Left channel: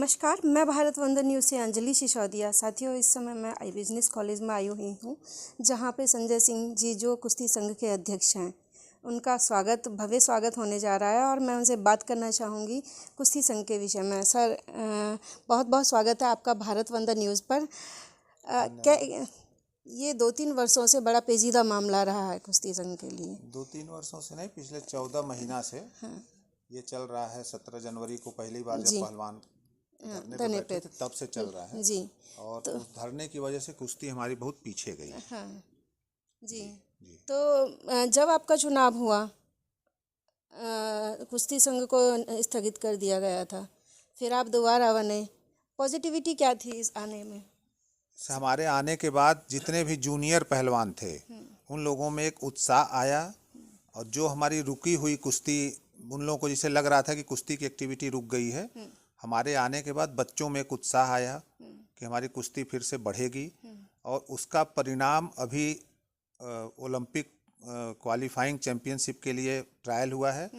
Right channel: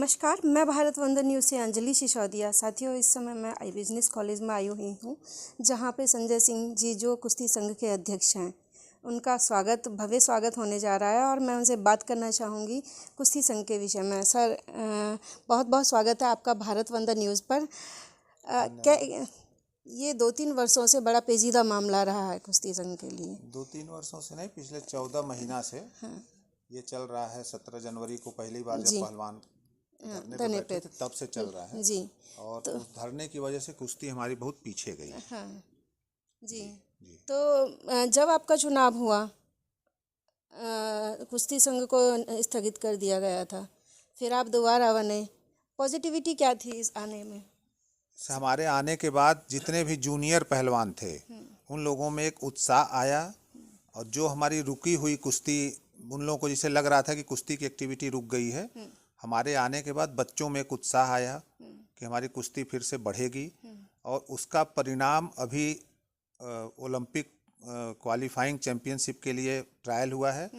नमस्कार, मैं भारत वंदन न्यूज़ से अंजलि सिसोदिया। साथियों, इस समय मैं आई बिजनेस कॉलेज में आई हुई हूँ, जहाँ पे संजय सिंह जी जो कुश्ती संघ के अध्यक्ष हैं, उनका भव्य स्वागत होने जा रहा है और मैं उनसे बात करना चाहूँगी कुश्ती संघ के विषय में। सर, बहुत बहुत स्वागत है आपका भारत वंदन न्यूज़ पर। क्या ये 2-3 वर्षों से बड़ा पेचीदा मामला रहा है कुश्ती संघ के लिए? 2-3 वर्षों से नहीं, पिछले 14 महीना से ये चल रहा है। 17 जनवरी को पहली बार जब पहलवान धरने पे बैठे थे तब से चल रहा है जी। और तो उस धरने की वजह से कुश्ती हमारी बहुत पीछे गई। हाँ जी। तो जब आपका चुनाव हुआ, कुश्ती संघ को स्थगित कर दिया गया था, फिर आप दोबारा बने, पॉजिटिविटी क्या थी इस आने में? हमारे आने के बाद जितने भी जूनियर पहलवान थे उन लोगों में एक उत्साह आया, और जो हमारी रुकी हुई कुश्ती, उन लोगों को जिसे लग रहा था कि कुश्ती की एक्टिविटी रुक गई है, हमारे आने के बाद बच्चों में एक उत्साह आया कि हमारी कुश्ती फिर से बढ़ेगी। और उसका परिणाम अभी ओलंपिक क्वालिफाइंग चैंपियनशिप के लिए ट्रायल हुआ है।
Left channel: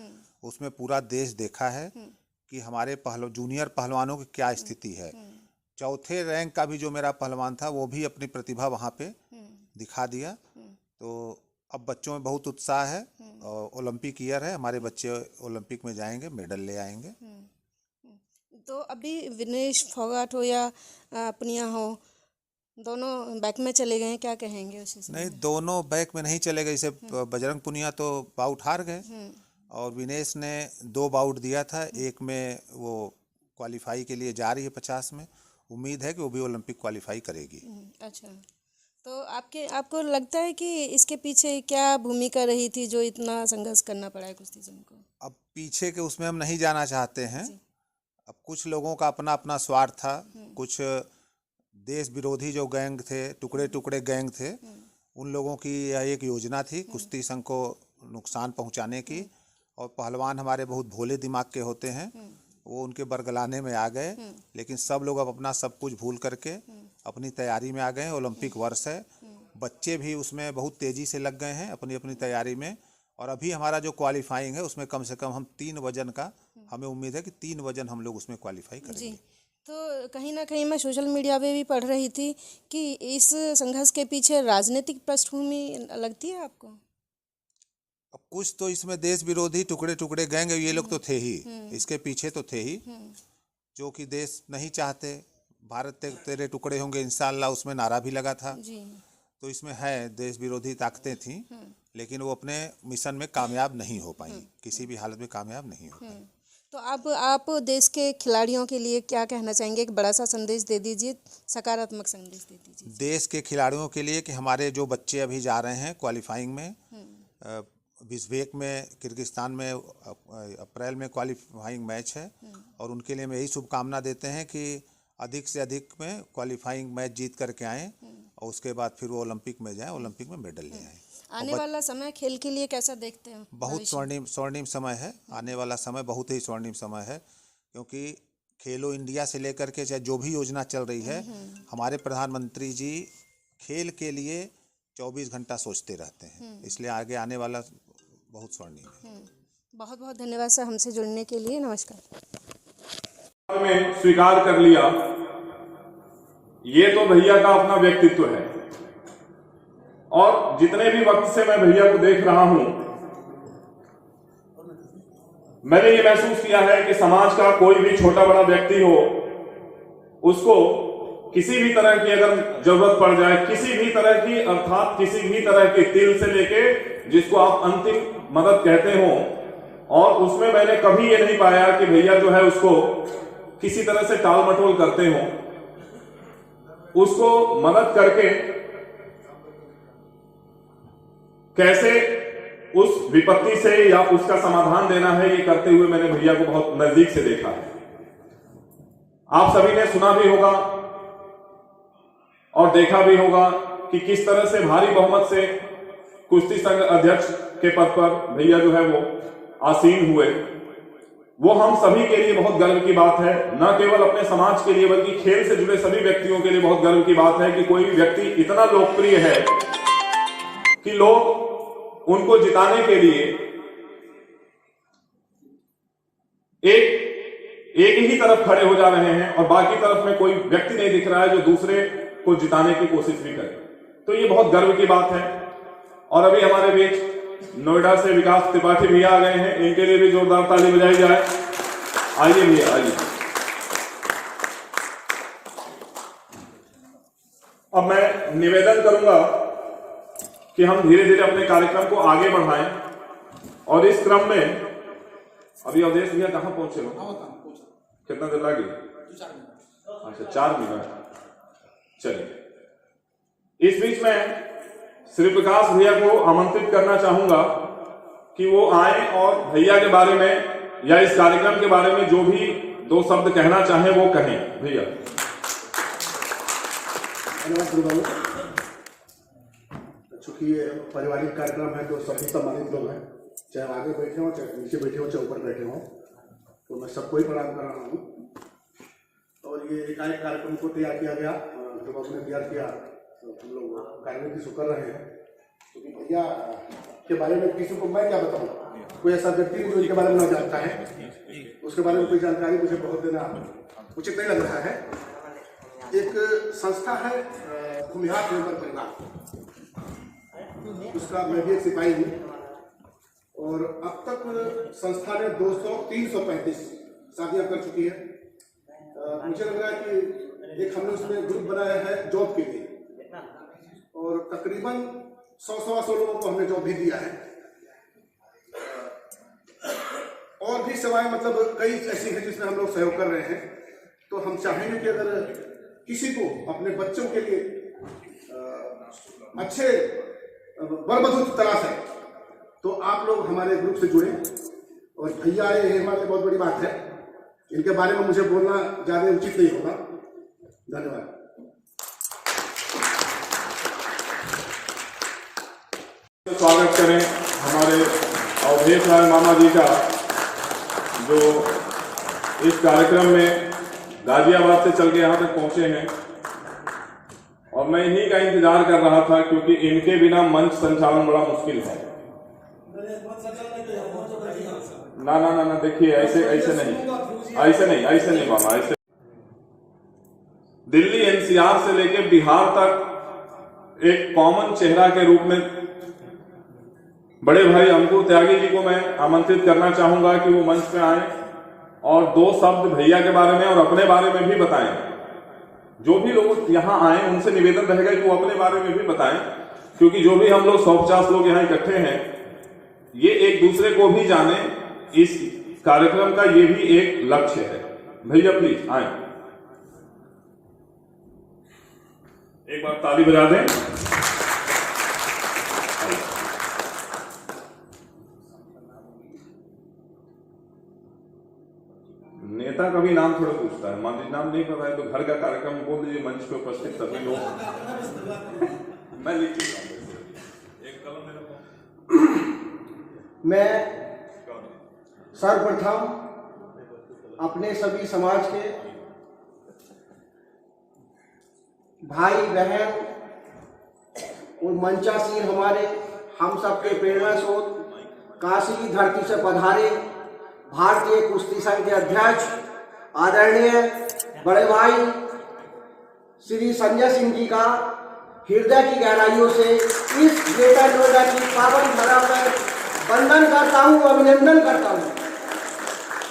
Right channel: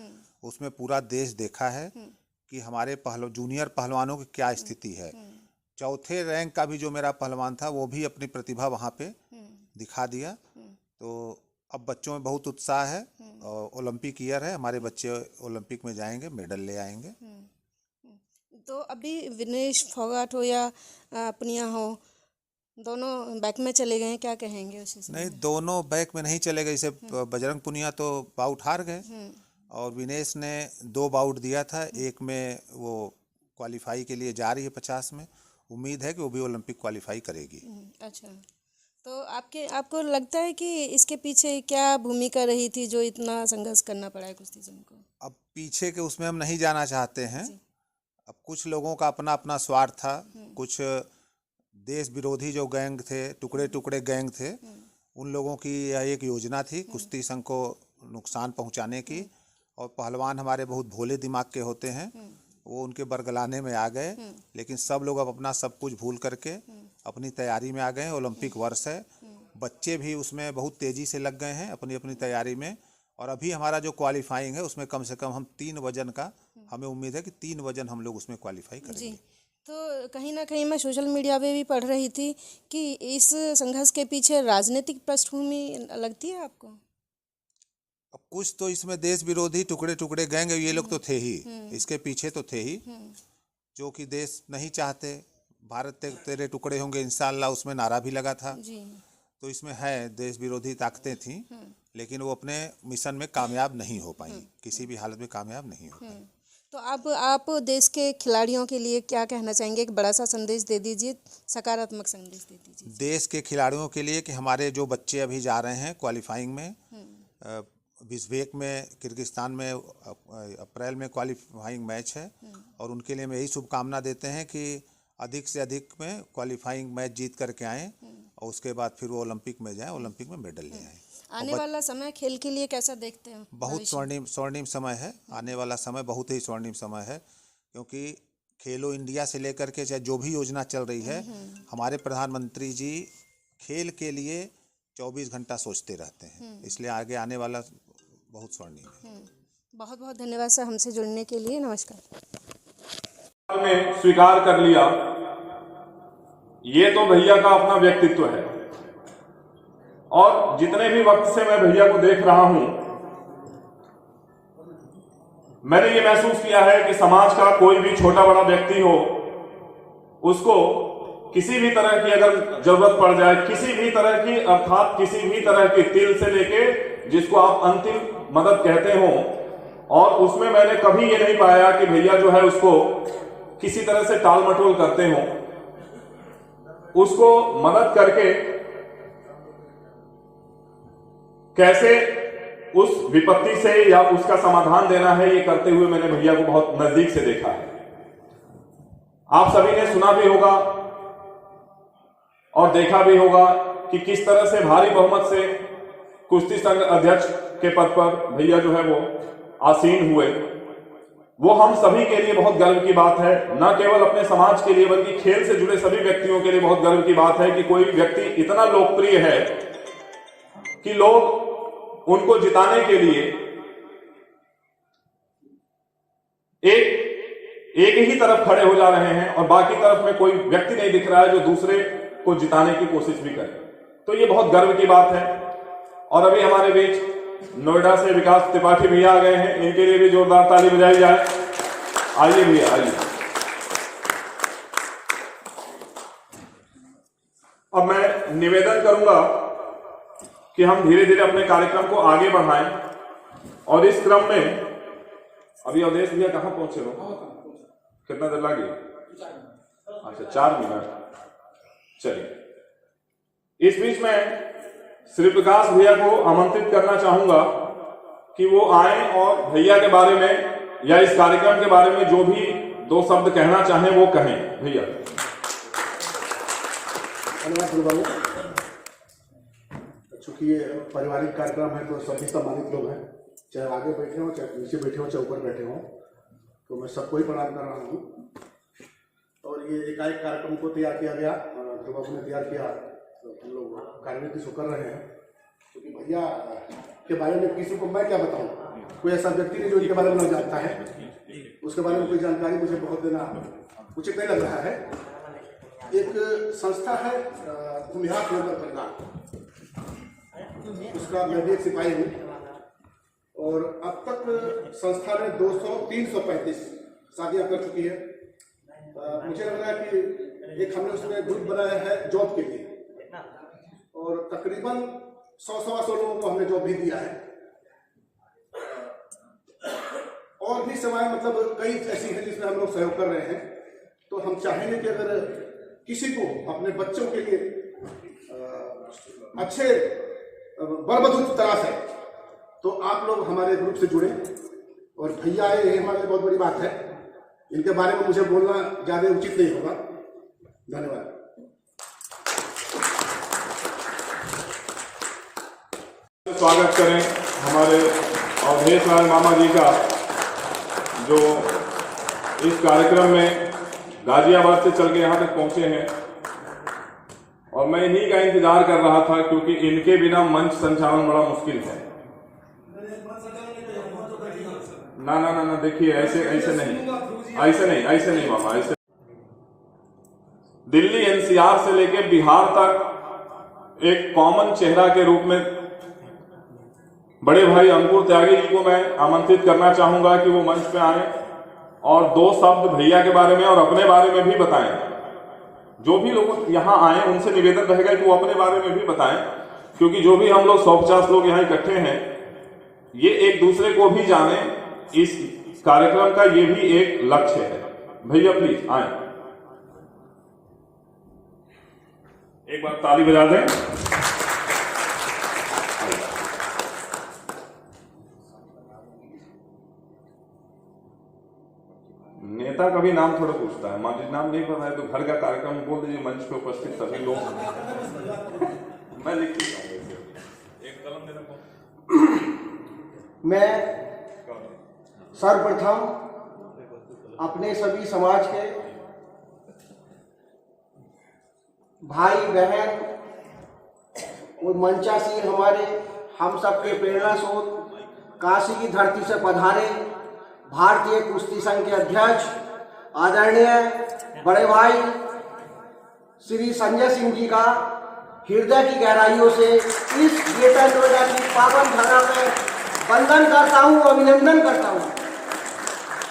उसमें पूरा देश देखा है कि हमारे जूनियर पहलवानों की क्या स्थिति है। चौथे रैंक का भी जो मेरा पहलवान था वो भी अपनी प्रतिभा वहाँ पे दिखा दिया। तो अब बच्चों में बहुत उत्साह है और ओलंपिक ईयर है, हमारे बच्चे ओलंपिक में जाएंगे, मेडल ले आएंगे। तो अभी विनेश फोगाट हो या पुनिया हो, दोनों बैक में चले गए हैं, क्या कहेंगे उसी से? नहीं, दोनों बैक में नहीं चले गए। जैसे बजरंग पुनिया तो बाउट हार गए और विनेश ने 2 बाउट दिया था, एक में वो क्वालिफाई के लिए जा रही है 50 में। उम्मीद है कि वो भी ओलंपिक क्वालिफाई करेगी। अच्छा, तो आपको लगता है कि इसके पीछे क्या भूमिका रही थी जो इतना संघर्ष करना पड़ा है कुश्ती संघ को? अब पीछे के उसमें हम नहीं जाना चाहते हैं। अब कुछ लोगों का अपना अपना स्वार्थ था, कुछ देश विरोधी जो गैंग थे, टुकड़े टुकड़े गैंग थे, उन लोगों की यह एक योजना थी कुश्ती संघ को नुकसान पहुंचाने की। और पहलवान हमारे बहुत भोले दिमाग के होते हैं, वो उनके बरगलाने में आ गए। लेकिन सब लोग अब अपना सब कुछ भूल करके अपनी तैयारी में आ गए। ओलंपिक वर्ष है, बच्चे भी उसमें बहुत तेज़ी से लग गए हैं अपनी अपनी तैयारी में। और अभी हमारा जो क्वालिफाइंग है उसमें कम से कम हम 3 वजन का, हमें उम्मीद है कि 3 वजन हम लोग उसमें क्वालिफाई करेंगे जी। तो कहीं ना कहीं मैं सोशल मीडिया पे भी पढ़ रही थी कि इस संघर्ष के पीछे राजनीतिक पृष्ठभूमि लगती है आपको? अब कुछ तो इसमें देश विरोधी टुकड़े टुकड़े गैंग, ये लोग तो थे ही, इसके पीछे तो थे ही, जो कि देश नहीं चाहते। भारत तेरे टुकड़े होंगे इंशाअल्लाह, उसमें नारा भी लगा था जी। तो इसमें है देश विरोधी ताकतें थी, लेकिन वो अपने मिशन में कामयाब नहीं हो पाई, किसी भी हालत में कामयाब नहीं हो पाई। तो आप देश के खिलाड़ियों के लिए क्या कहना चाहेंगे? एक बड़ा सा संदेश दे दीजिए, सकारात्मक संदेश दे दीजिए देश के खिलाड़ियों के लिए कि हमारे जो बच्चे अभी जा रहे हैं क्वालिफाइंग में, बिश्केक में, किर्गिस्तान में अप्रैल में क्वालिफाइंग मैच है, और उनके लिए मैं यही शुभकामना देते हैं कि अधिक से अधिक में क्वालिफाइंग मैच जीत करके आएँ और उसके बाद फिर वो ओलंपिक में जाएं, ओलंपिक में मेडल ले आएँ। आने वाला समय खेल के लिए कैसा देखते हैं? बहुत स्वर्णिम समय है। आने वाला समय बहुत ही स्वर्णिम समय है, क्योंकि खेलो इंडिया से लेकर के चाहे जो भी योजना चल रही है, हमारे प्रधानमंत्री जी खेल के लिए 24 घंटा सोचते रहते हैं, इसलिए आगे आने वाला बहुत स्वर्णिम है। बहुत बहुत धन्यवाद सर हमसे जुड़ने के लिए। नमस्कार। में स्वीकार कर लिया, ये तो भैया का अपना व्यक्तित्व है। और जितने भी वक्त से मैं भैया को देख रहा हूं, मैंने ये महसूस किया है कि समाज का कोई भी छोटा बड़ा व्यक्ति हो, उसको किसी भी तरह की अगर जरूरत पड़ जाए, किसी भी तरह की, अर्थात किसी भी तरह की, तिल से लेके जिसको आप अंतिम मदद कहते हो, और उसमें मैंने कभी ये नहीं पाया कि भैया जो है उसको किसी तरह से टाल मटोल करते हो। उसको मदद करके कैसे उस विपत्ति से या उसका समाधान देना है, ये करते हुए मैंने भैया को बहुत नजदीक से देखा है। आप सभी ने सुना भी होगा और देखा भी होगा कि किस तरह से भारी बहुमत से कुश्ती संघ अध्यक्ष के पद पर भैया जो है वो आसीन हुए। वो हम सभी के लिए बहुत गर्व की बात है, न केवल अपने समाज के लिए बल्कि खेल से जुड़े सभी व्यक्तियों के लिए बहुत गर्व की बात है कि कोई भी व्यक्ति इतना लोकप्रिय है कि लोग उनको जिताने के लिए एक ही तरफ खड़े हो जा रहे हैं और बाकी तरफ में कोई व्यक्ति नहीं दिख रहा है जो दूसरे को जिताने की कोशिश भी करे। तो ये बहुत गर्व की बात है। और अभी हमारे बीच नोएडा से विकास त्रिपाठी भैया आ गए हैं, इनके लिए भी जोरदार ताली बजाई जाए। आइए भैया आइए। अब मैं निवेदन करूंगा कि हम धीरे धीरे अपने कार्यक्रम को आगे बढ़ाएं और इस क्रम में अभी अवधेश भैया कहां पहुंचे हो? कितना देर लगी? अच्छा 4 मिनट। चलिए, इस बीच में श्री प्रकाश भैया को आमंत्रित करना चाहूंगा कि वो आए और भैया के बारे में या इस कार्यक्रम के बारे में जो भी 2 शब्द कहना चाहें वो कहें। भैया चूंकि ये पारिवारिक कार्यक्रम है तो सभी सम्मानित लोग हैं, चाहे आगे बैठे हो, चाहे नीचे बैठे हो, चाहे ऊपर बैठे हो, तो मैं सबको ही प्रणाम कर रहा हूँ। और ये एकाएक कार्यक्रम को तैयार किया गया, जब उसने तैयार किया तो हम लोग कार्य की कर रहे हैं। क्योंकि भैया के बारे में किसी को मैं क्या बताऊँ, कोई ऐसा व्यक्ति नहीं जो इनके बारे में जानता है, उसके बारे में कोई जानकारी मुझे बहुत देना उचित नहीं लग रहा है। एक संस्था है भूमिहार नंबर परिवार, उसका मैं भी एक सिपाही हूँ और अब तक संस्था ने 335 शादियां कर चुकी है। मुझे लग रहा है कि एक हमने उसमें ग्रुप बनाया है जॉब के लिए और तकरीबन 100-125 लोगों को हमने जॉब भी दिया है। और भी सेवाएं मतलब कई ऐसी हैं जिसमें हम लोग सहयोग कर रहे हैं। तो हम चाहेंगे कि अगर किसी को अपने बच्चों के लिए अच्छे बरबधू तलाश है तो आप लोग हमारे ग्रुप से जुड़े। और भैया आए, ये हमारे लिए बहुत बड़ी बात है। इनके बारे में मुझे बोलना ज्यादा उचित नहीं होगा। धन्यवाद। स्वागत करें हमारे अवधेश लाल मामा जी का, जो इस कार्यक्रम में गाजियाबाद से चल के यहाँ तक पहुंचे हैं। और मैं इन्हीं का इंतजार कर रहा था क्योंकि इनके बिना मंच संचालन बड़ा मुश्किल है। ना ना ना ना, देखिए ऐसे नहीं मामा, ऐसे। दिल्ली एनसीआर से लेके बिहार तक एक कॉमन चेहरा के रूप में बड़े भाई अंकुर त्यागी जी को मैं आमंत्रित करना चाहूंगा कि वो मंच पे आए और 2 शब्द भैया के बारे में और अपने बारे में भी बताएं। जो भी लोग यहाँ आए उनसे निवेदन रहेगा कि वो अपने बारे में भी बताएं, क्योंकि जो भी हम लोग 150 लोग यहाँ इकट्ठे हैं, ये एक दूसरे को भी जाने, इस कार्यक्रम का ये भी एक लक्ष्य है। भैया प्लीज आए, एक बार ताली बजा दें। नेता का भी नाम थोड़ा पूछता है, मान लीजिए नाम नहीं पता है तो घर का कार्यक्रम बोल दीजिए, मंच पे उपस्थित सभी लोग। मैं लिख एक कलम मेरे को। मैं सर्वप्रथम अपने सभी समाज के भाई बहन और मंचासीन हमारे हम सबके प्रेरणा स्रोत काशी की धरती से पधारे भारतीय कुश्ती संघ के अध्यक्ष आदरणीय बड़े भाई श्री संजय सिंह जी का हृदय की गहराइयों से इस ग्रेटर नोएडा की पावन धरा में वंदन करता हूँ, अभिनंदन करता हूँ।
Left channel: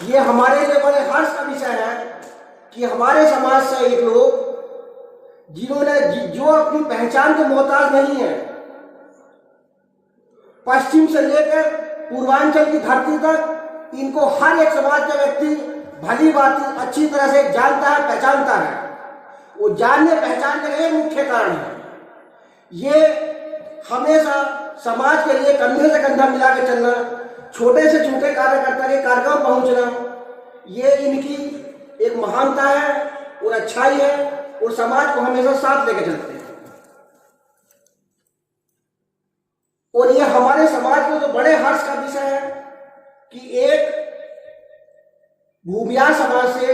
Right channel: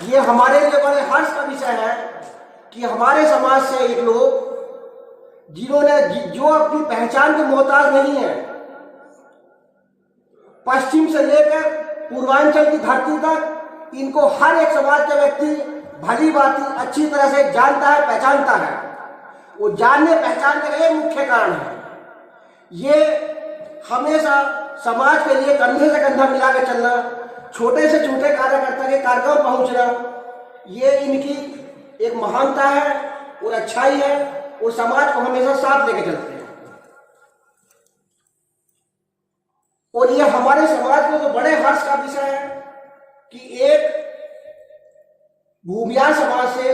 ये हमारे लिए बड़े हर्ष का विषय है कि हमारे समाज से एक लोग जिन्होंने जो अपनी पहचान के मोहताज नहीं है, पश्चिम से लेकर पूर्वांचल की धरती तक इनको हर एक समाज के व्यक्ति भली बात अच्छी तरह से जानता है, पहचानता है। वो जानने पहचानने का ये मुख्य कारण है। ये हमेशा समाज के लिए कंधे से कंधा मिला के चलना, छोटे से छोटे कार्यकर्ता के कार्यक्रम पहुंचना, ये इनकी एक महानता है और अच्छाई है और समाज को हमेशा साथ लेके चलते हैं। और ये हमारे समाज में तो बड़े हर्ष का विषय है कि एक भूमिया समाज से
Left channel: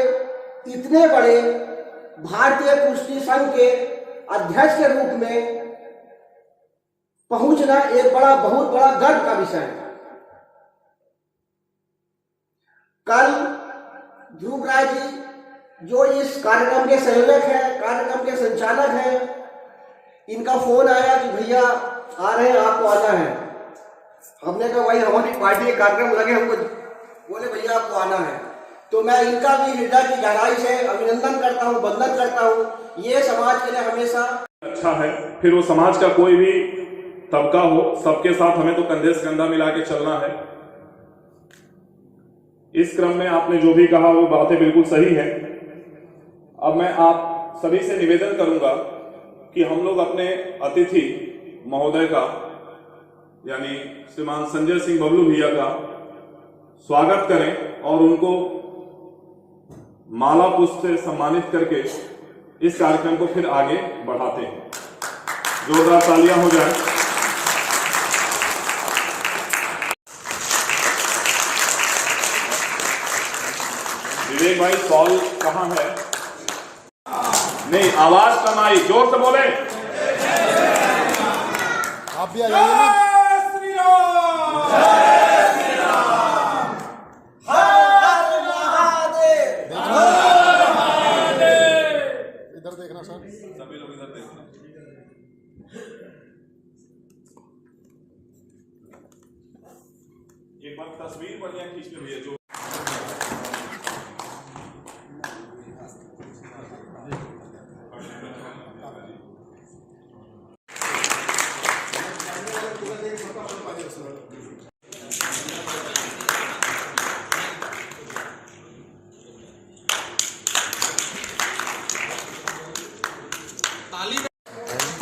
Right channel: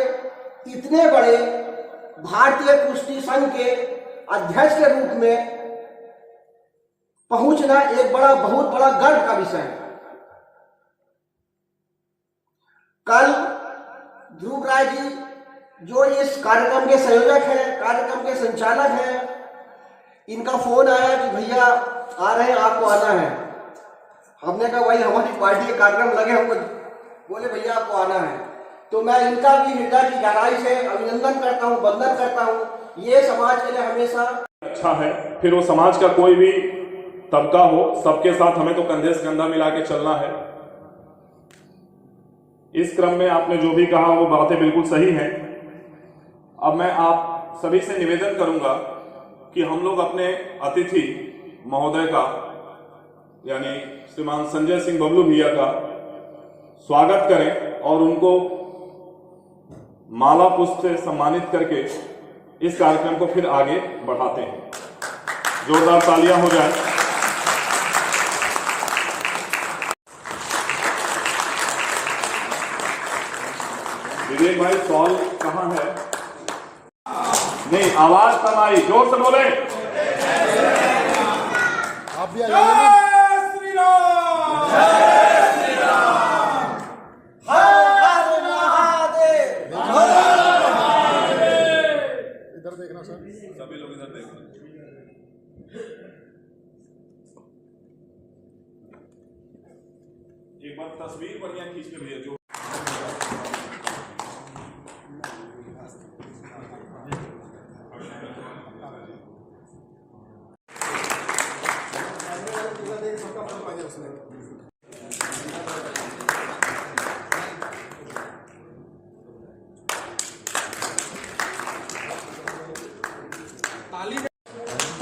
इतने बड़े भारतीय कुश्ती संघ के अध्यक्ष के रूप में पहुंचना एक बहुत बड़ा गर्व का विषय है। कल ध्रुव राय जी जो इस कार्यक्रम के संयोजक हैं, कार्यक्रम के संचालक हैं, इनका फोन आया कि भैया आ रहे हैं, आपको आना है। हमने कहा भाई हमारी पार्टी के कार्यक्रम लगे, हमको बोले भैया आपको आना है। तो मैं इनका भी हृदय की गहराई से अभिनंदन करता हूँ, वंदन करता हूँ। ये समाज के लिए हमेशा अच्छा है। फिर वो समाज का कोई भी तबका हो, सबके साथ हमें तो कंधे से कंधा मिला के चलना है। इस क्रम में आपने जो भी कहा वो बातें बिल्कुल सही है। अब मैं आप सभी से निवेदन करूंगा कि हम लोग अपने अतिथि महोदय का यानी श्रीमान संजय सिंह बबलू भैया का स्वागत करें और उनको माला पुष्प से सम्मानित करके इस कार्यक्रम को फिर आगे बढ़ाते हैं। जोरदार तालियां हो जाए। विवेक भाई सॉल कहां है? नहीं, आवाज कम आई, जोर से बोले। आप भी आइए। इधर देखना सर, सभी लोग इधर देखना। एक बार तस्वीर बढ़िया खींच के भेजिए। जो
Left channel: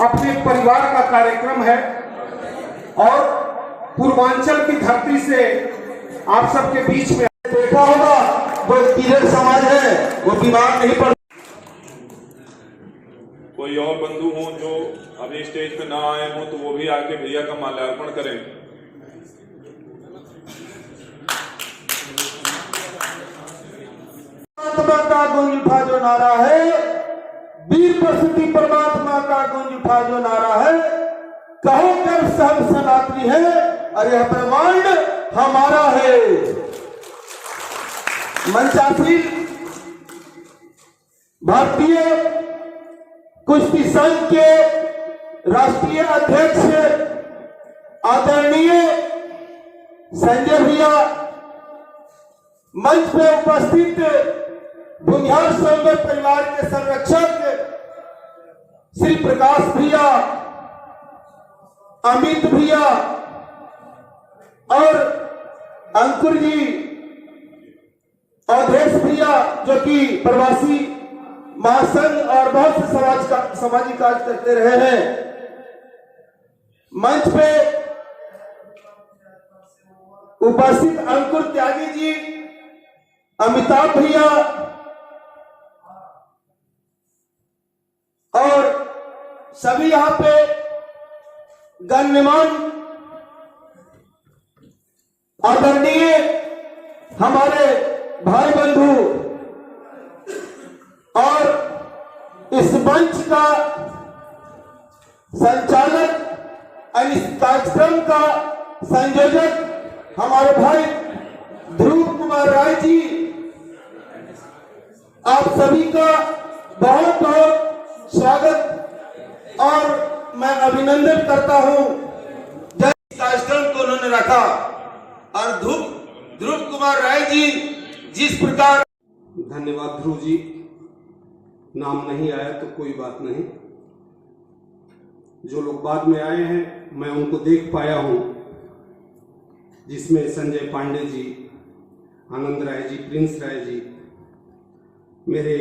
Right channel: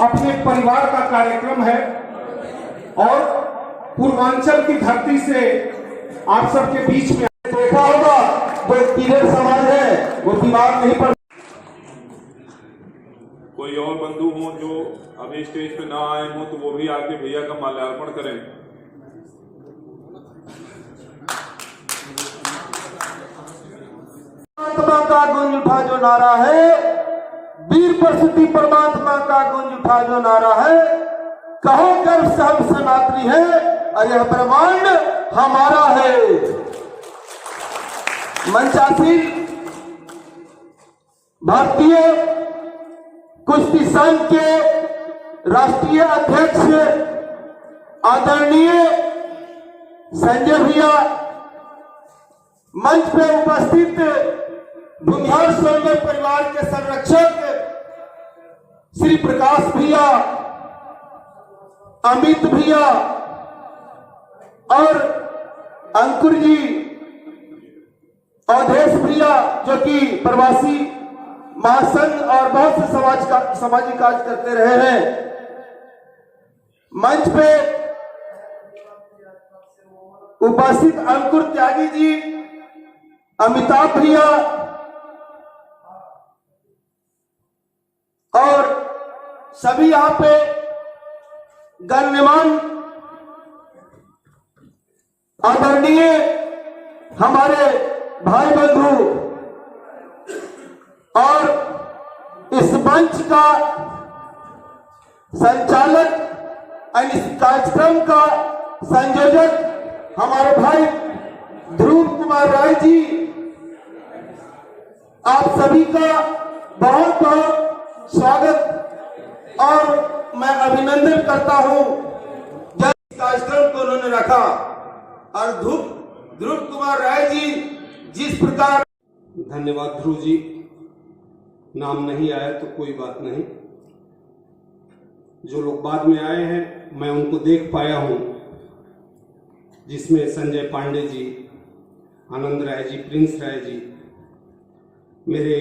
अपने परिवार का कार्यक्रम है और पूर्वांचल की धरती से आप सबके बीच में देखा होगा वो किधर समाज है वो बीमार नहीं पड़। कोई और बंधु हो जो अभी स्टेज पे ना आए हो तो वो भी आके भैया का माल्यार्पण करें। परमात्मा का गुंज उठा जो नारा है, वीर प्रसूति परमात्मा का गुंज उठा जो नारा है, कहो गर्व सब सनातनी है, अरे ब्रह्मांड हमारा है। मंचासीन भारतीय कुश्ती संघ के राष्ट्रीय अध्यक्ष आदरणीय संजय भैया, मंच पे उपस्थित भूमिहार स्वर्गीय परिवार के संरक्षक श्री प्रकाश भैया, अमित भैया और अंकुर जी, अवधेश भैया जो कि प्रवासी महासंघ और बहुत से सामाजिक कार्य करते रहे हैं। मंच पे उपस्थित अंकुर त्यागी जी, अमिताभ भैया और सभी यहां पे गण्यमान आदरणीय हमारे भाई बंधु और इस मंच का संचालक, इस कार्यक्रम का संयोजक हमारे भाई ध्रुव कुमार राय जी, आप सभी का बहुत बहुत स्वागत और मैं अभिनंदन करता हूं। कार्यक्रम को उन्होंने रखा और ध्रुव कुमार राय जी जिस प्रकार। धन्यवाद ध्रुव जी। नाम नहीं आया तो कोई बात नहीं। जो लोग बाद में आए हैं मैं उनको देख पाया हूं, जिसमें संजय पांडे जी, आनंद राय जी, प्रिंस राय जी, मेरे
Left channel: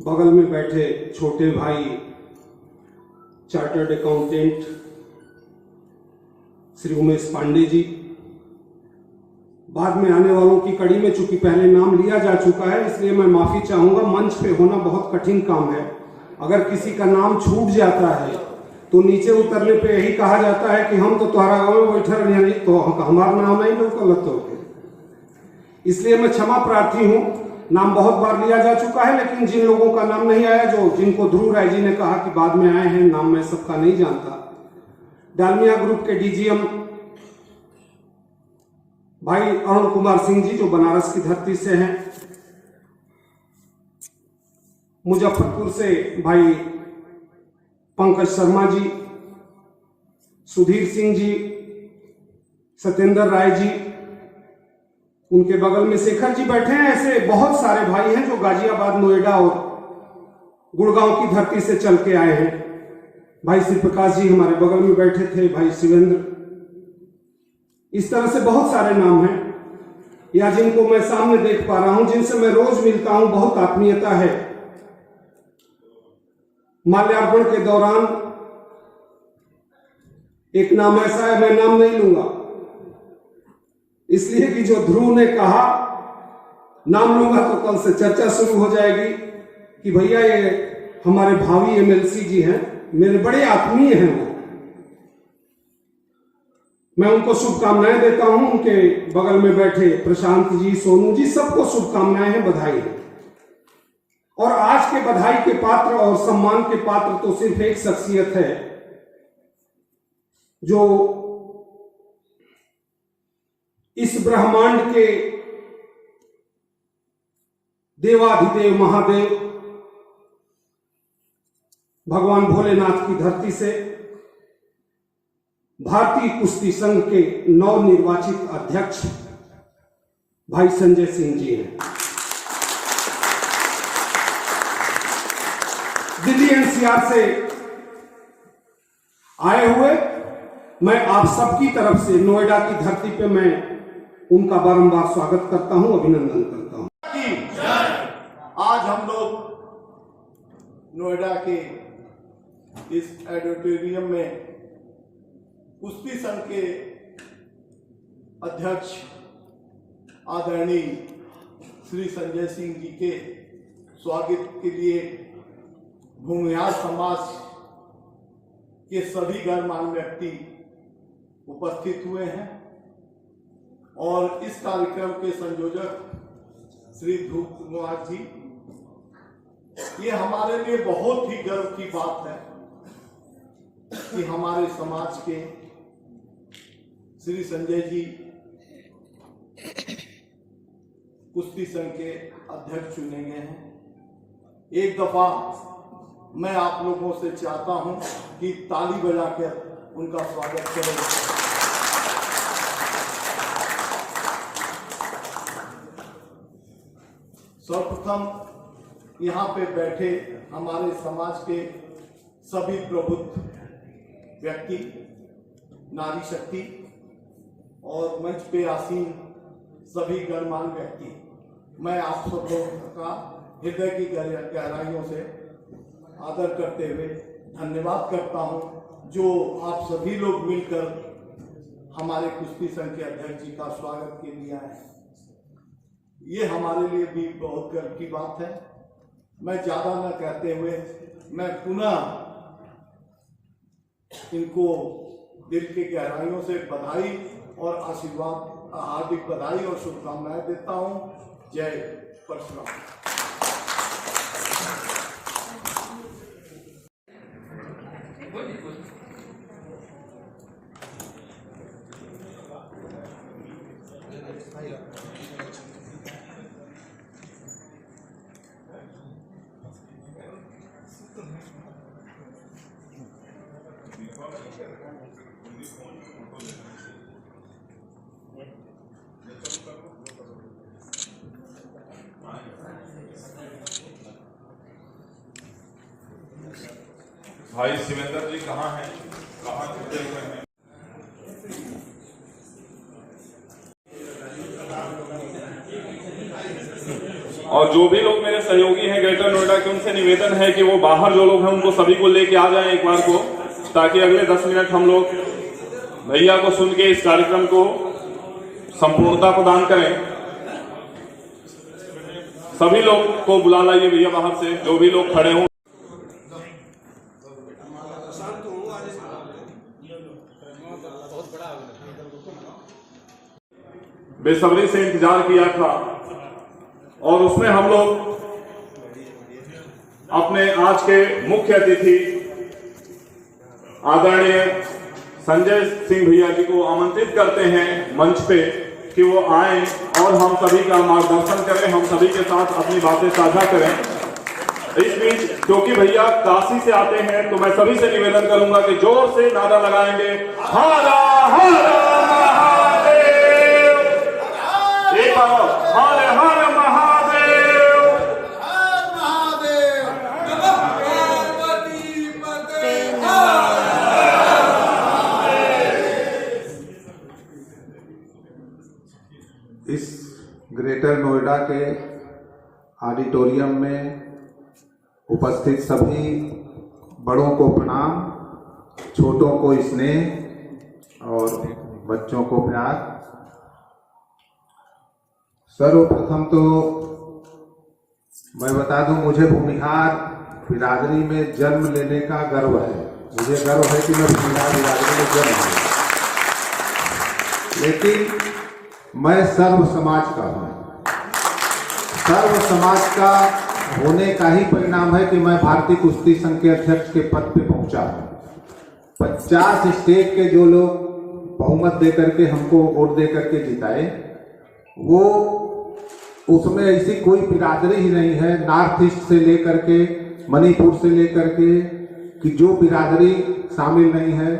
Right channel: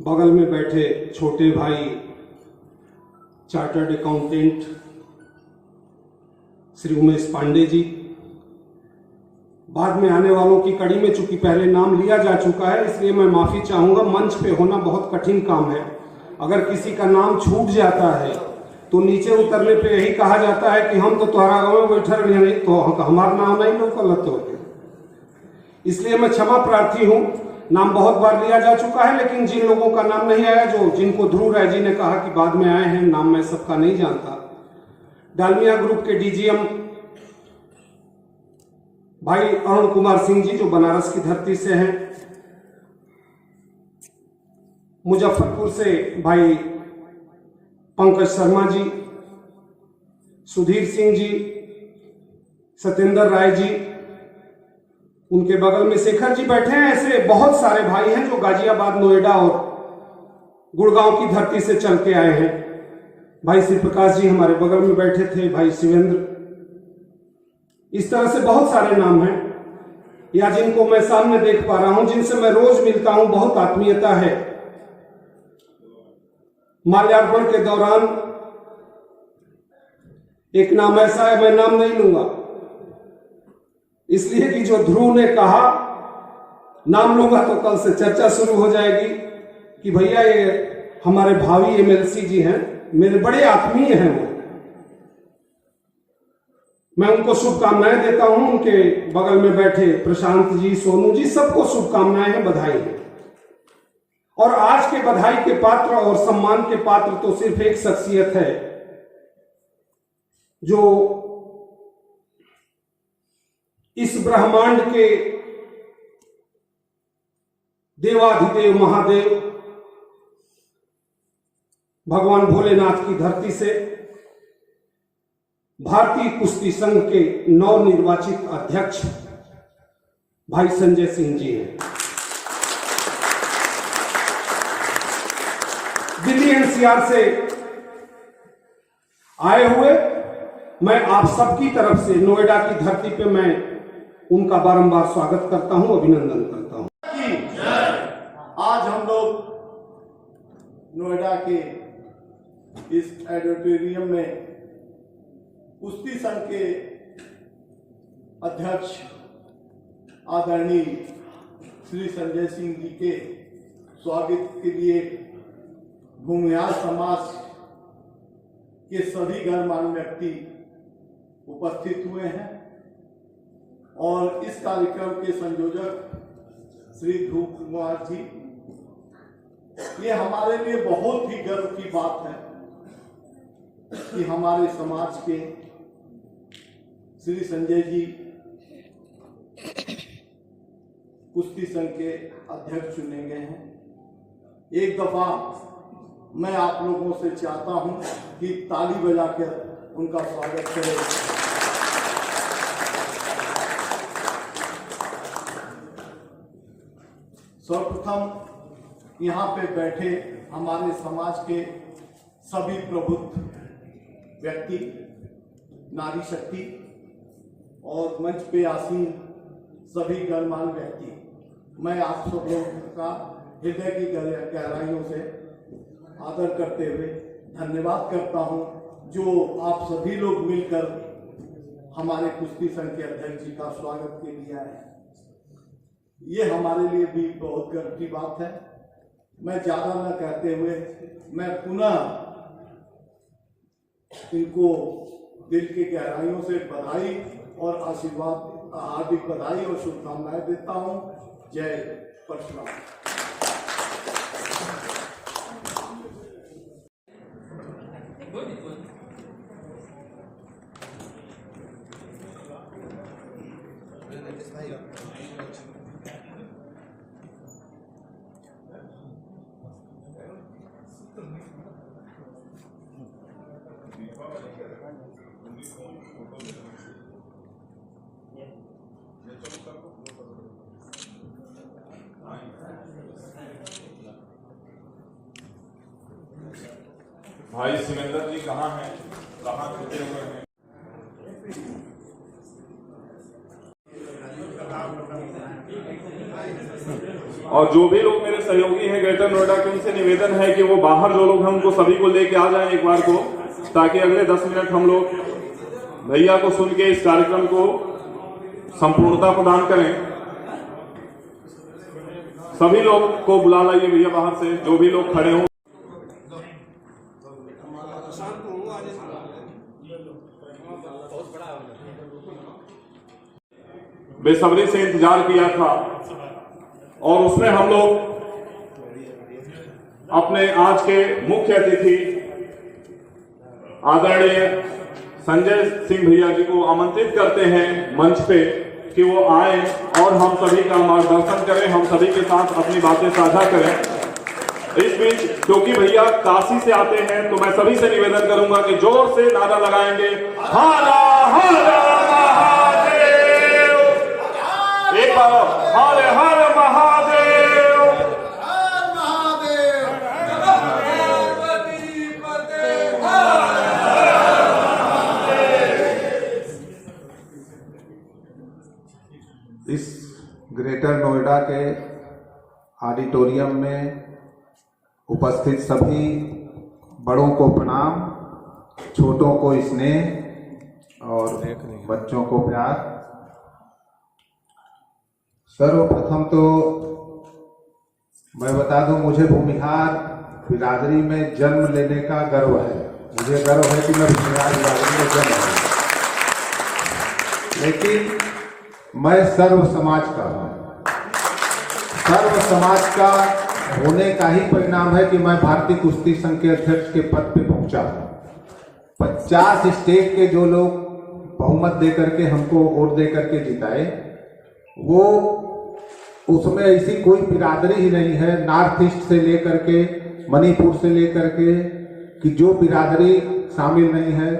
बगल में बैठे छोटे भाई चार्टर्ड अकाउंटेंट श्री उमेश पांडे जी, बाद में आने वालों की कड़ी में चूंकि पहले नाम लिया जा चुका है इसलिए मैं माफी चाहूंगा। मंच पे होना बहुत कठिन काम है। अगर किसी का नाम छूट जाता है तो नीचे उतरने पे यही कहा जाता है कि हम तो तुम्हारा गाँव में बैठा रहे तो हमारा नाम नहीं लोग लगता होते। इसलिए मैं क्षमा प्रार्थी हूँ। नाम बहुत बार लिया जा चुका है, लेकिन जिन लोगों का नाम नहीं आया, जो जिनको ध्रुव राय जी ने कहा कि बाद में आए हैं, नाम मैं सबका नहीं जानता। डालमिया ग्रुप के डीजीएम भाई अरुण कुमार सिंह जी जो बनारस की धरती से हैं, मुजफ्फरपुर से भाई पंकज शर्मा जी, सुधीर सिंह जी, सत्येंद्र राय जी, उनके बगल में शेखर जी बैठे हैं। ऐसे बहुत सारे भाई हैं जो गाजियाबाद, नोएडा और गुड़गांव की धरती से चल के आए हैं। भाई श्री प्रकाश जी हमारे बगल में बैठे थे, भाई शिवेंद्र, इस तरह से बहुत सारे नाम हैं, या जिनको मैं सामने देख पा रहा हूं, जिनसे मैं रोज मिलता हूं, बहुत आत्मीयता है। माल्यार्पण के दौरान एक नाम ऐसा है, मैं नाम नहीं लूंगा इसलिए कि जो ध्रुव ने कहा नाम लूंगा तो कल से चर्चा शुरू हो जाएगी कि भैया ये हमारे भावी एमएलसी जी हैं, मेरे बड़े आत्मीय हैं वो। मैं उनको शुभकामनाएं देता हूं, उनके बगल में बैठे प्रशांत जी, सोनू जी, सबको शुभकामनाएं हैं, बधाई है। और आज के बधाई के पात्र और सम्मान के पात्र तो सिर्फ एक शख्सियत है जो इस ब्रह्मांड के देवाधिदेव महादेव भगवान भोलेनाथ की धरती से भारतीय कुश्ती संघ के नवनिर्वाचित अध्यक्ष भाई संजय सिंह जी हैं। दिल्ली एनसीआर से आए हुए मैं आप सबकी तरफ से नोएडा की धरती पे मैं उनका बारंबार स्वागत करता हूं, अभिनंदन करता हूं। आज हम लोग नोएडा के इस ऑडिटोरियम में कुश्ती संघ के अध्यक्ष आदरणीय श्री संजय सिंह जी के स्वागत के लिए भूमिहार समाज के सभी गणमान्य व्यक्ति उपस्थित हुए हैं और इस कार्यक्रम के संयोजक श्री ध्रुव कुमार जी, ये हमारे लिए बहुत ही गर्व की बात है कि हमारे समाज के श्री संजय जी कुश्ती संघ के अध्यक्ष चुने गए हैं। एक दफा मैं आप लोगों से चाहता हूं कि ताली बजाकर उनका स्वागत करें। सर्वप्रथम यहाँ पे बैठे हमारे समाज के सभी प्रबुद्ध व्यक्ति, नारी शक्ति और मंच पे आसीन सभी गणमान्य व्यक्ति, मैं आप सब लोगों का हृदय की गहराइयों से आदर करते हुए धन्यवाद करता हूं, जो आप सभी लोग मिलकर हमारे कुश्ती संघ के अध्यक्ष जी का स्वागत के लिए आए हैं। ये हमारे लिए भी बहुत गर्व की बात है। मैं ज्यादा न कहते हुए मैं पुनः इनको दिल की गहराइयों से बधाई और आशीर्वाद, हार्दिक बधाई और शुभकामनाएं देता हूं। जय परशुराम। भाई शिवेंद्र जी कहाँ हैं? कहाँ छुट्टे हुए हैं? और जो भी लोग मेरे सहयोगी हैं ग्रेटर नोएडा के, उनसे निवेदन है कि वो बाहर जो लोग हैं उनको सभी को लेके आ जाएं एक बार को, ताकि अगले 10 मिनट हम लोग भैया को सुन के इस कार्यक्रम को संपूर्णता प्रदान करें। सभी लोग को बुला लाइए भैया बाहर से, जो भी लोग खड़े हों। बेसब्री से इंतजार किया था और उसमें हम लोग अपने आज के मुख्य अतिथि आदरणीय संजय सिंह भैया जी को आमंत्रित करते हैं मंच पे कि वो आए और हम सभी का मार्गदर्शन करें, हम सभी के साथ अपनी बातें साझा करें। इस बीच क्योंकि भैया काशी से आते हैं तो मैं सभी से निवेदन करूंगा कि जोर से नारा लगाएंगे, हर हर महादेव, एक बार हर हर महादेव, हर महादेव। इस ग्रेटर नोएडा के ऑडिटोरियम में उपस्थित सभी बड़ों को प्रणाम, छोटों को स्नेह और बच्चों को प्यार। सर्वप्रथम तो मैं बता दूं, मुझे भूमिहार बिरादरी में जन्म लेने का गर्व है। मुझे गर्व है कि मैं भूमिहार बिरादरी में जन्म लिया, लेकिन मैं सर्व समाज का हूँ। सर्व समाज का होने का ही परिणाम है कि मैं भारतीय कुश्ती संघ के अध्यक्ष के पद पे पहुंचा हूं। 50 स्टेट के जो लोग बहुमत देकर के हमको वोट दे करके जिताए, वो उसमें ऐसी कोई बिरादरी ही नहीं है, नॉर्थ ईस्ट से लेकर के मणिपुर से लेकर के, कि जो बिरादरी शामिल नहीं है।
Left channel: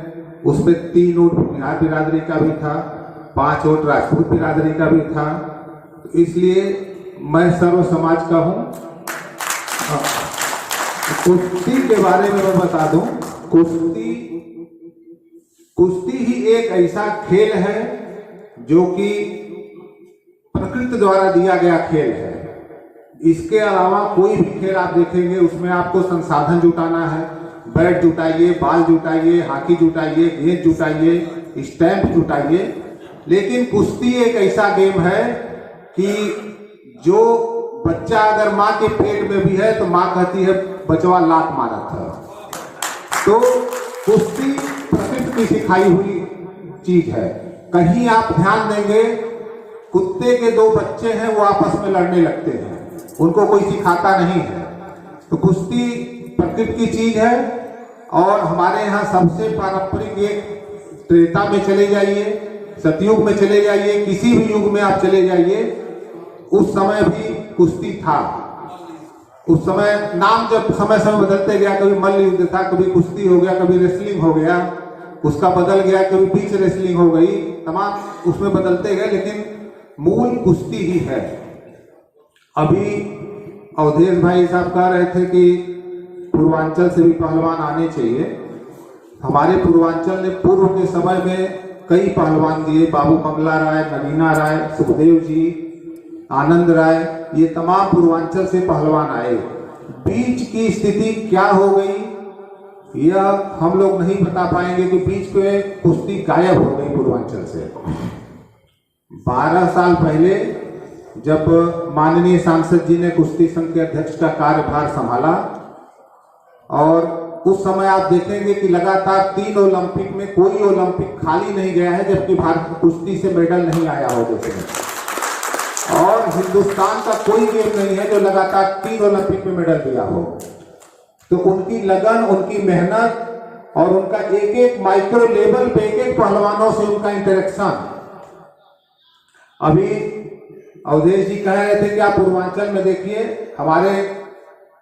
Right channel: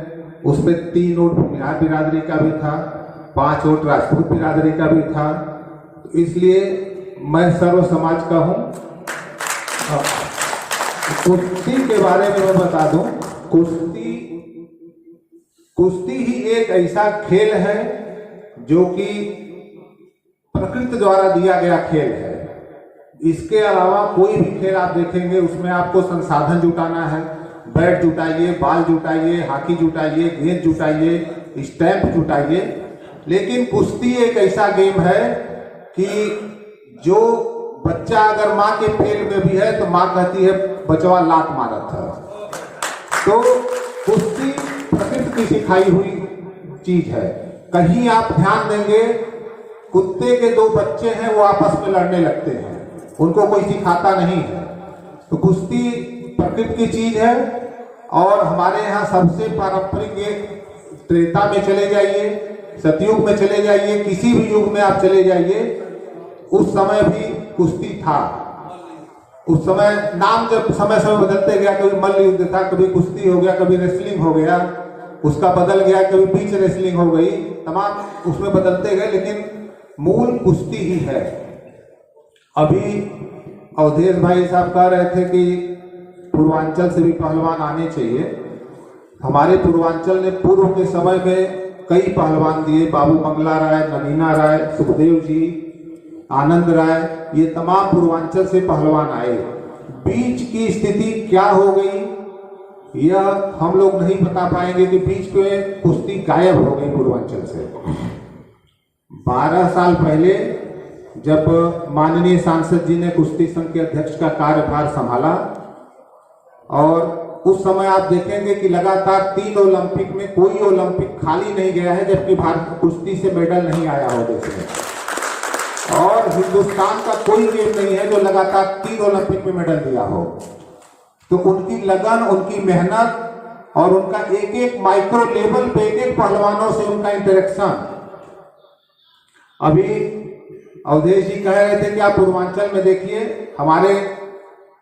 उसमें 3 वोट बिहार बिरादरी का भी था, 5 वोट राजपूत बिरादरी का भी था। इसलिए मैं सर्व समाज का हूं। कुश्ती के बारे में मैं बता दूं, कुश्ती ही एक ऐसा खेल है जो कि प्रकृति द्वारा दिया गया खेल है। इसके अलावा कोई भी खेल आप देखेंगे उसमें आपको संसाधन जुटाना है, बैट जुटाइए, बॉल जुटाइए, हॉकी जुटाइए, गेंद जुटाइए, स्टैंप जुटाइए। लेकिन कुश्ती एक ऐसा गेम है कि जो बच्चा अगर माँ के पेट में भी है तो माँ कहती है बचवा लात मारा था। तो कुश्ती प्रकृति की सिखाई हुई चीज है। कहीं आप ध्यान देंगे, कुत्ते के 2 बच्चे हैं वो आपस में लड़ने लगते हैं, उनको कोई सिखाता नहीं है। तो कुश्ती प्रकृति की चीज है। और हमारे यहाँ सबसे पारंपरिक एक त्रेता में चले जाइए, सतयुग में चले जाइए, किसी भी युग में आप चले जाइए, उस समय भी कुश्ती था। उस समय नाम जब समय समय बदलते गया, कभी मल्ल युद्ध था, कभी कुश्ती हो गया, कभी रेसलिंग हो गया, उसका बदल गया, कभी बीच रेसलिंग हो गई, तमाम उसमें बदलते गए, लेकिन मूल कुश्ती ही है। अभी अवधेश भाई साहब कह रहे थे कि पूर्वांचल से भी पहलवान आने चाहिए। हमारे पूर्वांचल ने पूर्व के समय में कई पहलवान दिए, बाबू मंगला राय, नगीना राय, सुखदेव जी, आनंद राय, ये तमाम पूर्वांचल से पहलवान आए। बीच की स्थिति क्या हो गई यह हम लोग नहीं बता पाएंगे कि बीच में कुश्ती गायब हो गई पूर्वांचल से। 12 साल पहले जब माननीय सांसद जी ने कुश्ती संघ के अध्यक्ष का कार्यभार संभाला, और उस समय आप देखेंगे कि लगातार 3 ओलंपिक में कोई ओलंपिक खाली नहीं गया है जबकि भारत कुश्ती से मेडल नहीं आया हो देश में। और हिंदुस्तान का कोई गेम नहीं है जो लगातार 3 ओलंपिक में मेडल दिया हो। तो उनकी लगन, उनकी मेहनत और उनका एक एक माइक्रो लेवल पे एक एक पहलवानों से उनका इंटरेक्शन। अभी अवधेश जी कह रहे थे कि आप पूर्वांचल में देखिए, हमारे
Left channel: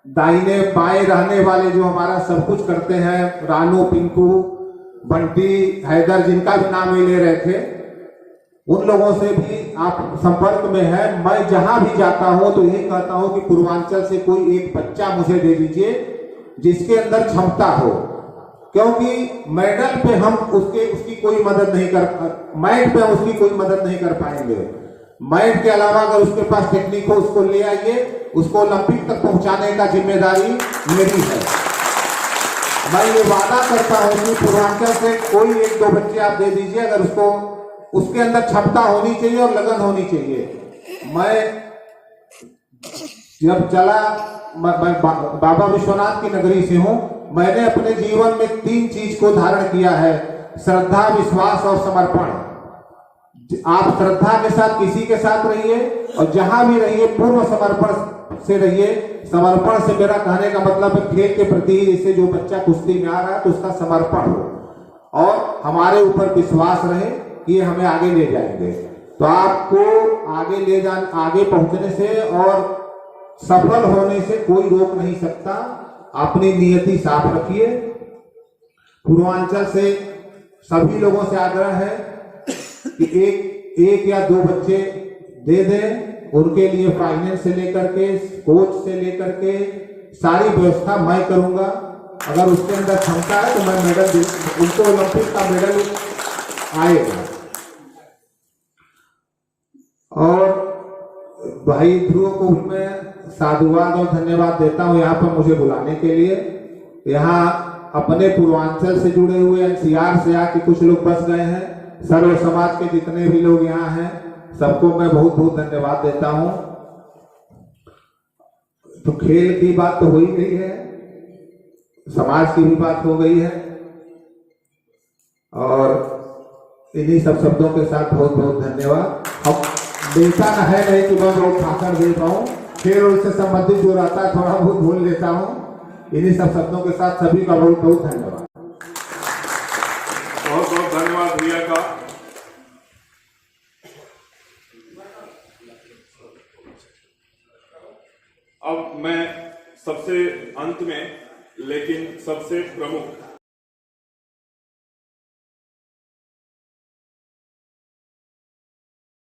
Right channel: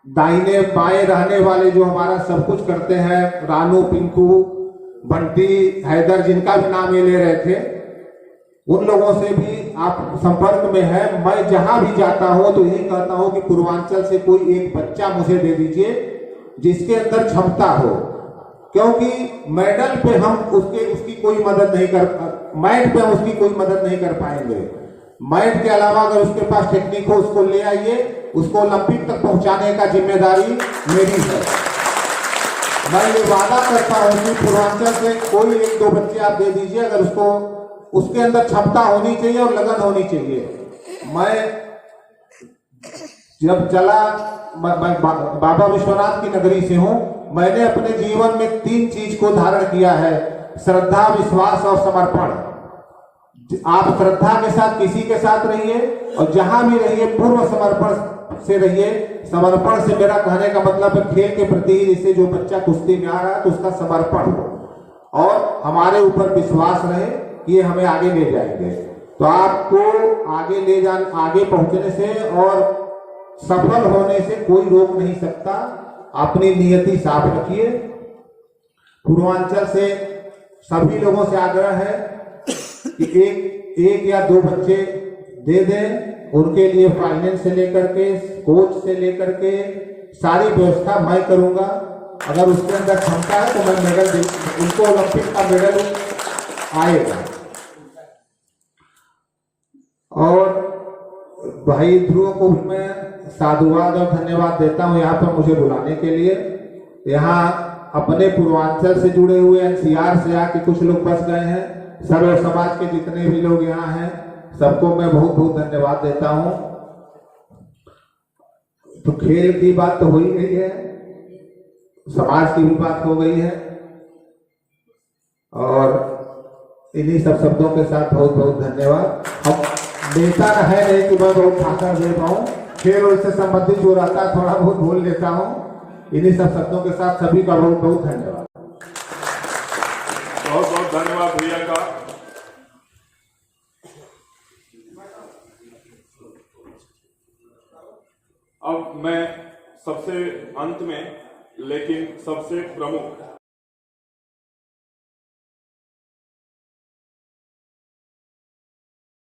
दाहिने बाएं रहने वाले जो हमारा सब कुछ करते हैं, रानू, पिंकू, बंटी, हैदर, जिनका भी नाम ये ले रहे थे, उन लोगों से भी आप संपर्क में है। मैं जहां भी जाता हूं तो यही कहता हूं कि पूर्वांचल से कोई एक बच्चा मुझे दे दीजिए जिसके अंदर क्षमता हो, क्योंकि मेडल पे हम उसकी कोई मदद नहीं कर, मैट पे हम उसकी कोई मदद नहीं कर पाएंगे। मैट के अलावा अगर उसके पास टेक्निक हो उसको ले आइए, उसको ओलंपिक तक पहुंचाने का जिम्मेदारी मेरी है। मैं ये वादा करता हूं कि पूर्वांचल से कोई 1-2 बच्चे आप दे दीजिए, अगर उसको उसके अंदर क्षमता होनी चाहिए और लगन होनी चाहिए। मैं जब चला, मैं बाबा विश्वनाथ की नगरी से हूं, मैंने अपने जीवन में 3 चीज को धारण किया है, श्रद्धा, विश्वास और समर्पण। आप श्रद्धा के साथ किसी के साथ रहिए और जहां भी रहिए पूर्व समर्पण से रहिए। समर्पण से मेरा कहने का मतलब है खेल के प्रति, जैसे जो बच्चा कुश्ती में आ रहा है तो उसका समर्पण हो और हमारे ऊपर विश्वास रहे कि ये हमें आगे ले जाएंगे। तो आपको आगे पहुंचने से और सफल होने से कोई रोक नहीं सकता। अपनी नियति साफ रखिए। पूर्वांचल से सभी लोगों से आग्रह है कि एक या दो बच्चे दे दें। उनके लिए फाइनेंस से लेकर के, कोच से लेकर के सारी व्यवस्था मैं करूंगा। अगर उसके अंदर क्षमता है तो मैं मेडल उनको ओलंपिक का मेडल आएगा। और भाई ध्रुव को भी मैं साधुवाद और धन्यवाद देता हूं यहाँ पर मुझे बुलाने के लिए। यहाँ अपने पूर्वांचल से जुड़े हुए एनसीआर से आके कुछ लोग बस गए हैं। सर्व समाज के जितने भी लोग यहाँ हैं सबको मैं बहुत बहुत धन्यवाद देता हूं। तो खेल की बात तो हो ही गई है, समाज की भी बात हो गई है और इन्हीं सब शब्दों के साथ बहुत बहुत धन्यवाद। अब नेता है नहीं कि मैं बहुत भाषण दे पाऊं, खेल और इससे संबंधित जो रहता है थोड़ा बहुत बोल लेता हूं। इन्हीं सब शब्दों के साथ सभी का बहुत बहुत धन्यवाद। बहुत बहुत धन्यवाद भैया का। अब मैं सबसे अंत में लेकिन सबसे प्रमुख